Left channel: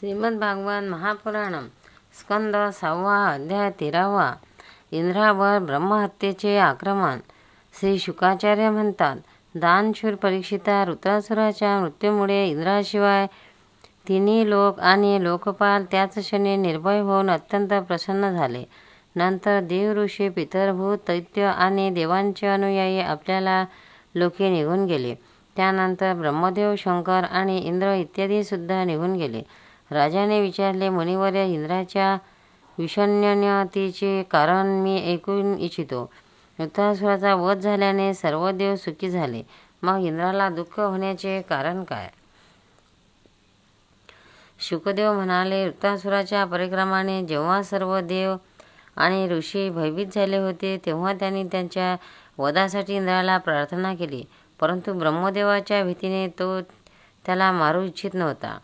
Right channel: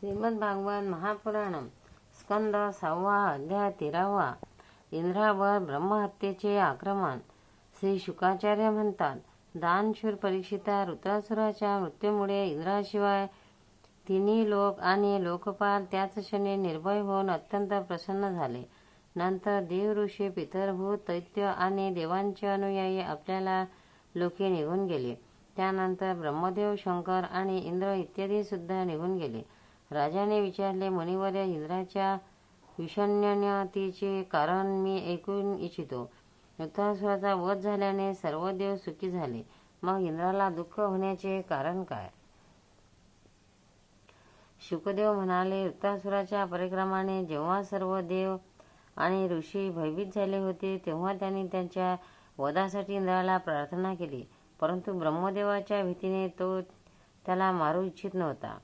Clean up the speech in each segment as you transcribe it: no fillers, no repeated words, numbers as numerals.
श्रीमद्भागवत महापुराण स्कंद 6 अध्याय 13. इंद्रावर ब्रह्महत्येचे आक्रमण. श्री शुकाचार्य म्हणतात, दानशूर परीक्षिता वृत्रासुराच्या मृत्यूमुळे इंद्राशिवाय तिन्ही लोक आणि लोकपाल त्याच क्षणी निर्भय होऊन अत्यंत प्रसन्न झाले. नंतर देव, ऋषी, पितरभूत, दैत्य आणि देवांचे अनुयायी आपल्याला लोके निघून गेले. त्यानंतर ब्रह्मदेव, शंकर आणि इंद्र इत्यादी सुद्धा निघून गेले. राजाने विचारले, मुनिवर्य, इंद्राच्या विषण्यतेचे कारण मी ऐकून इच्छितो. वृत्रासुराचा वध झाल्याने सर्व देव सुखी झाले. मग इंद्राला दुःख होण्याचे कारण काय? शुकदेव म्हणाले, वृत्रासुराच्या पराक्रमाने जेव्हा सर्व देव आणि ऋषी भयभीत झाले होते तेव्हा त्यांनी त्यांच्या वधासाठी इंद्राला प्रार्थना केली. परंतु ब्रह्मदेवाच्या भीतीने तो त्याला मारू इच्छित नव्हता.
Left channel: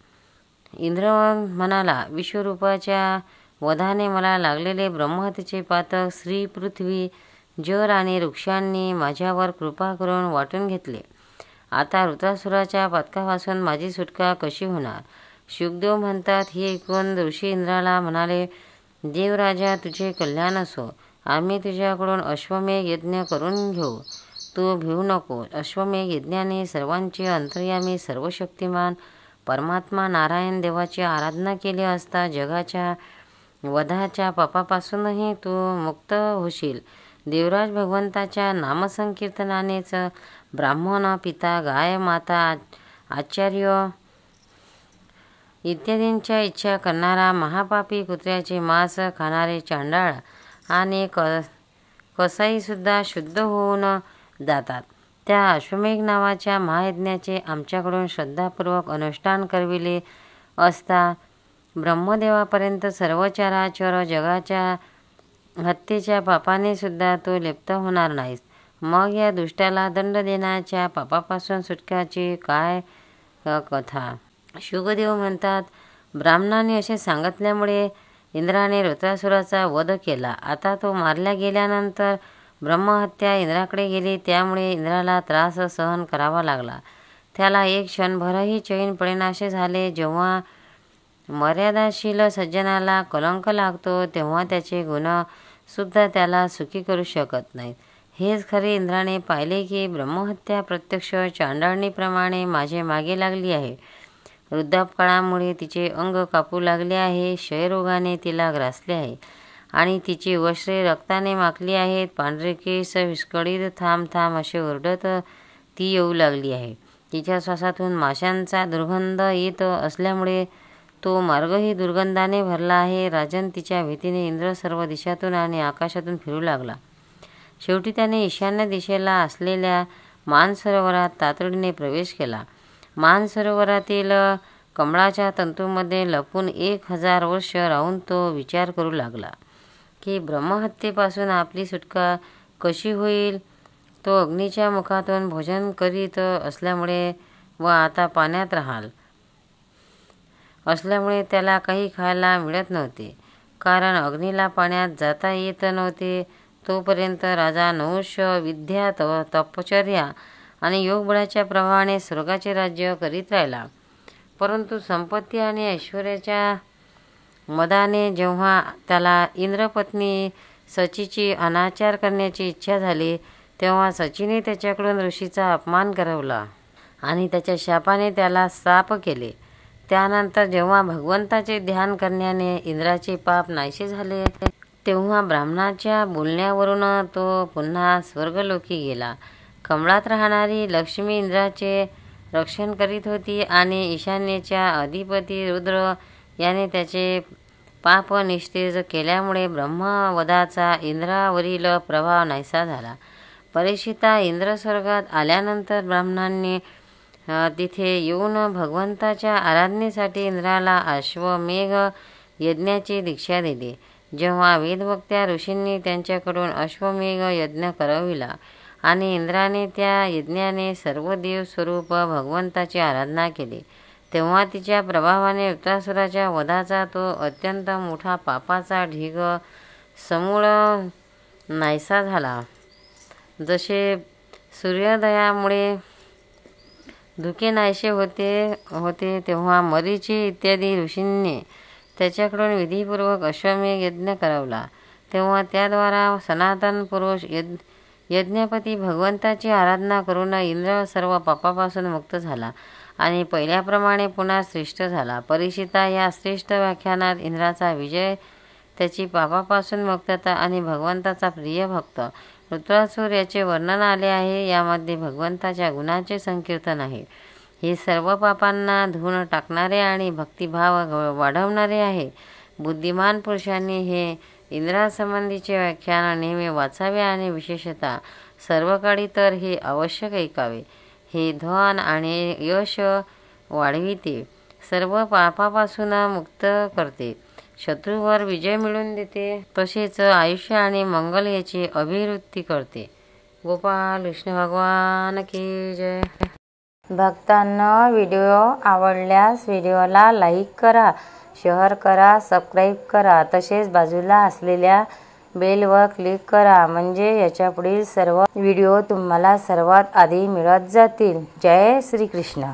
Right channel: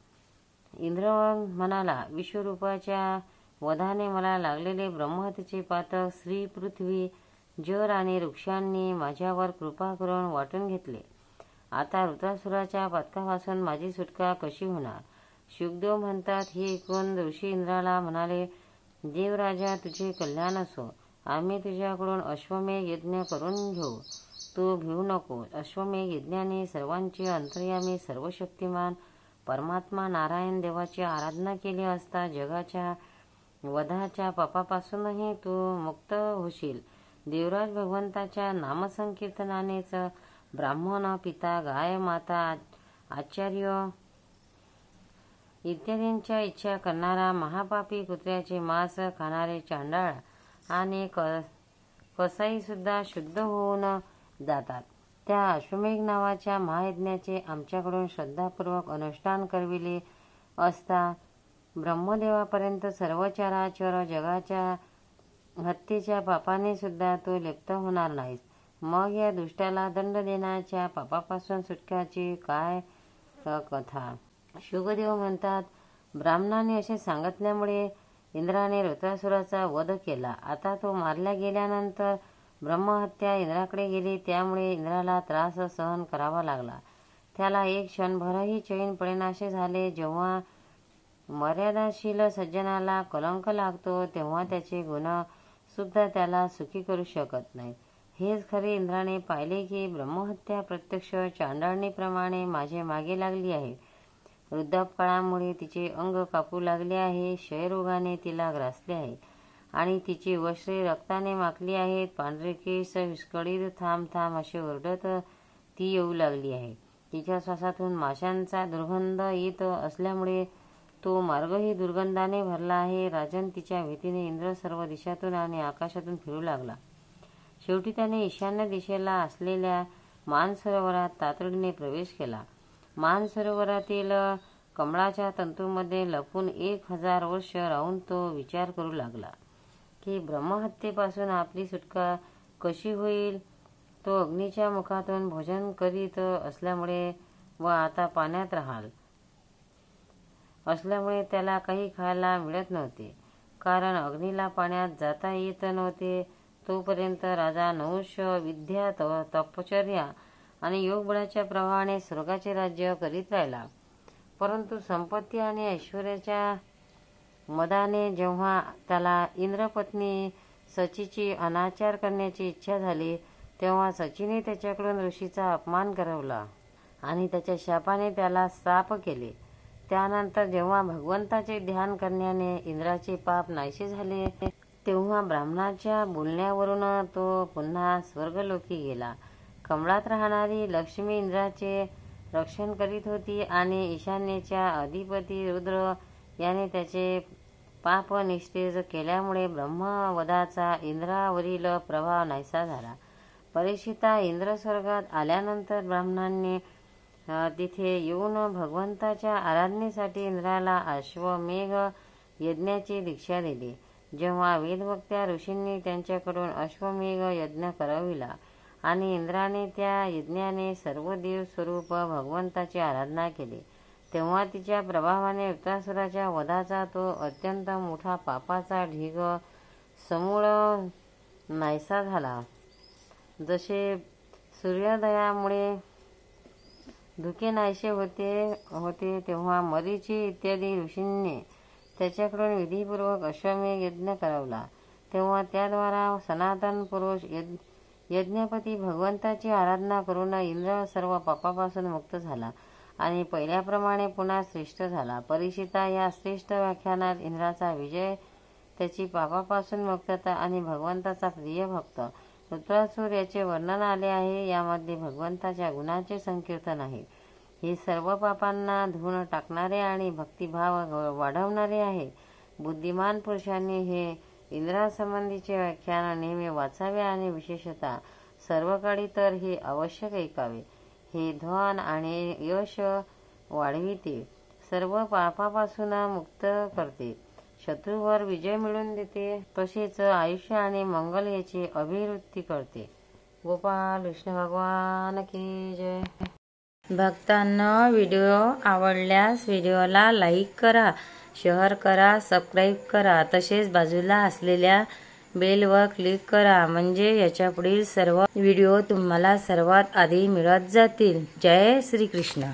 इंद्र म्हणाला, विश्वरूपाच्या वधाने मला लागलेले ब्रह्महत्येचे पातक श्री पृथ्वी, जर आणि वृक्षांनी माझ्यावर कृपा करून वाटून घेतले. आता वृत्रासुराच्या पातकापासून माझी सुटका कशी होणार? शुकदेव म्हणतात, हे ऐकून ऋषी इंद्राला म्हणाले, देवराजा, तुझे कल्याण असो. आम्ही तुझ्याकडून अश्वमेध यज्ञ करून घेऊ. तू भिवू नको. अश्वमेध यज्ञाने सर्वांचे अंतर्यामी सर्वशक्तिमान परमात्मा नारायण देवाची आराधना केली असता जगाच्या वधाच्या पापापासूनही तू मुक्त होशील. देवराज भगवंताच्या नामसंकीर्तनानेच ब्राह्मण, पिता, गाय, माता, आचार्य इत्यादींच्या इच्छा करणारा, महापापी, कुत्र्याचे मांस खाणारे चांडाळ आणि कसाईसुद्धा शुद्ध होऊन जातात. त्या अश्वमेध नावाच्या महायज्ञाचे आमच्याकडून श्रद्धापूर्वक अनुष्ठान करविले असता ब्रह्मदेवापर्यंत सर्व चराचर जगाच्या हत्येच्या पापाने सुद्धा तो लिप्त होणार नाहीस. मग या दुष्टाला दंड देण्याच्या पापापासून सुटकाची काय कथा? शुकदेव म्हणतात, ब्राह्मणाने असे सांगितल्यामुळे इंद्राने वृत्रासुराचा वध केला. आता तो मारल्या गेल्यानंतर ब्रह्महत्या इंद्राकडे गेली. त्यामुळे इंद्राला त्रास सहन करावा लागला. त्याला एक क्षणभरही चैन पडेनासे झाले. जेव्हा मर्यादाशील सज्जनाला कलंक लागतो तेव्हा त्याचे गुण सुद्धा त्याला सुखी करू शकत नाहीत. हेच खरे इंद्राने पाहिले की ब्रह्महत्या प्रत्यक्ष चांडाळणीप्रमाणे माझे मागे लागली आहे. वृद्धापकाळामुळे तिचे अंग कापू लागले आहे. क्षयरोगाने तिला ग्रासले आहे आणि तिची वस्त्रे रक्ताने माखली आहेत. पांढरे केस विस्कळीत थांब थांब असे ओरडत ती येऊ लागली आहे. तिच्या श्वासातून माशांचा दुर्गंध येत असल्यामुळे तो मार्गही दुर्गंधाने भरला आहे. राजन, तिच्या भीतीने इंद्र सर्व दिशातून आणि आकाशातून फिरू लागला. शेवटी त्याने ईशान्य दिशेला असलेल्या मानसरोवरात तातडीने प्रवेश केला. मानसरोवरातील कमळाच्या तंतूमध्ये लपून 1000 वर्ष राहून तो विचार करू लागला की ब्रह्महत्येपासून आपली सुटका कशी होईल. तो अग्नीच्या मुखातून भोजन करीत असल्यामुळे व आता पाण्यात राहाल असल्यामुळे त्याला काही खायला मिळत नव्हते. कारण अग्नीला पाण्यात जाता येत नव्हते. तोपर्यंत राजा नहुष विद्या, तपश्चर्या आणि योगबळाच्या प्रभावाने स्वर्गाचे राज्य करीत राहिला. परंतु संपत्ती आणि ऐश्वर्याच्या मदाने जेव्हा त्याला इंद्रपत्नी सचीची अनाचार करण्याची इच्छा झाली तेव्हा सचीने त्याच्याकडून ऋषीचा अपमान करवला आणि त्याच्या शापाने त्याला शाप केले. त्यानंतर जेव्हा भगवंताचे ध्यान करण्याने इंद्राचे पाप नाहीसे झाले तेव्हा ब्राह्मणाच्या बोलण्यावरून तो पुन्हा स्वर्गलोकी गेला. कमळात राहणारी लक्ष्मी इंद्राचे रक्षण करीत होती आणि ईशान्येच्या अधिपती रुद्र याने त्याचे पाप निस्तेज केल्यामुळे ब्रह्मवधाचा इंद्रावरील प्रभाव नाहीसा झाला. परीक्षिता, इंद्र स्वर्गात आल्यानंतर ब्राह्मणांनी तिथे येऊन भगवंताच्या आराधनेसाठी इंद्राला अश्वमेध यज्ञाची दीक्षा दिली. जेव्हा वेदवक्त्या ऋषींनी त्यांच्याकडून अश्वमेध यज्ञ करविला आणि इंद्राने त्या यज्ञाने सर्व देव स्वरूप भगवंताची आराधना केली तेव्हा तिच्या प्रभावाने वृत्रासुराच्या वधाचा तो अत्यंत मोठा पापाचा ढीग समूळ नाहीसा झाला. जसे सूर्योदयामुळे धुके नाहीसे होते तेव्हा मरीची इत्यादी ऋषींनी त्याच्याकडून विधीपूर्वक अश्वमेध यज्ञ करवला। तेव्हा त्याद्वारा सनातन पुरुष यज्ञपती भगवंताची आराधना करून इंद्र सर्व पापापासून मुक्त झाला आणि पहिल्याप्रमाणे पुन्हा श्रेष्ठ झाला। परीक्षिता, या श्रेष्ठ व्याख्यानात इंद्राचा विजय, त्याची पापापासून मुक्तता आणि भगवंताचा प्रिय भक्त वृत्रासुर याचे वर्णन आले आहे। यामध्ये भगवंताच्या गुणाचे संकीर्तन आहे। हे सर्व पापांना धुवून टाकणारे आणि भक्तिभाव वाढवणारे आहे। बुद्धिमान पुरुषांनी हे इंद्रासंबंधीचे व्याख्यान नेहमी वाचावे आणि विशेषतः सर्व काळी तर हे आवश्यक ऐकावे। हे धन आणि यश वाढविते, सर्व पापापासून मुक्त करते, शत्रूवर विजय मिळवून देते, तसेच आयुष्य आणि मंगल याची अभिवृद्धी करते। गोपाल कृष्ण भगवान की जय। भक्तांनो, व्हिडिओ आवडल्यास व्हिडिओला लाईक करा, शेअर करा, सबस्क्राईब करा, तसेच बाजूला असलेल्या बेलवर क्लिक करा, म्हणजे याच्यापुढील सर्व व्हिडिओ तुम्हाला सर्वात आधी मिळत जातील। जय श्री कृष्ण।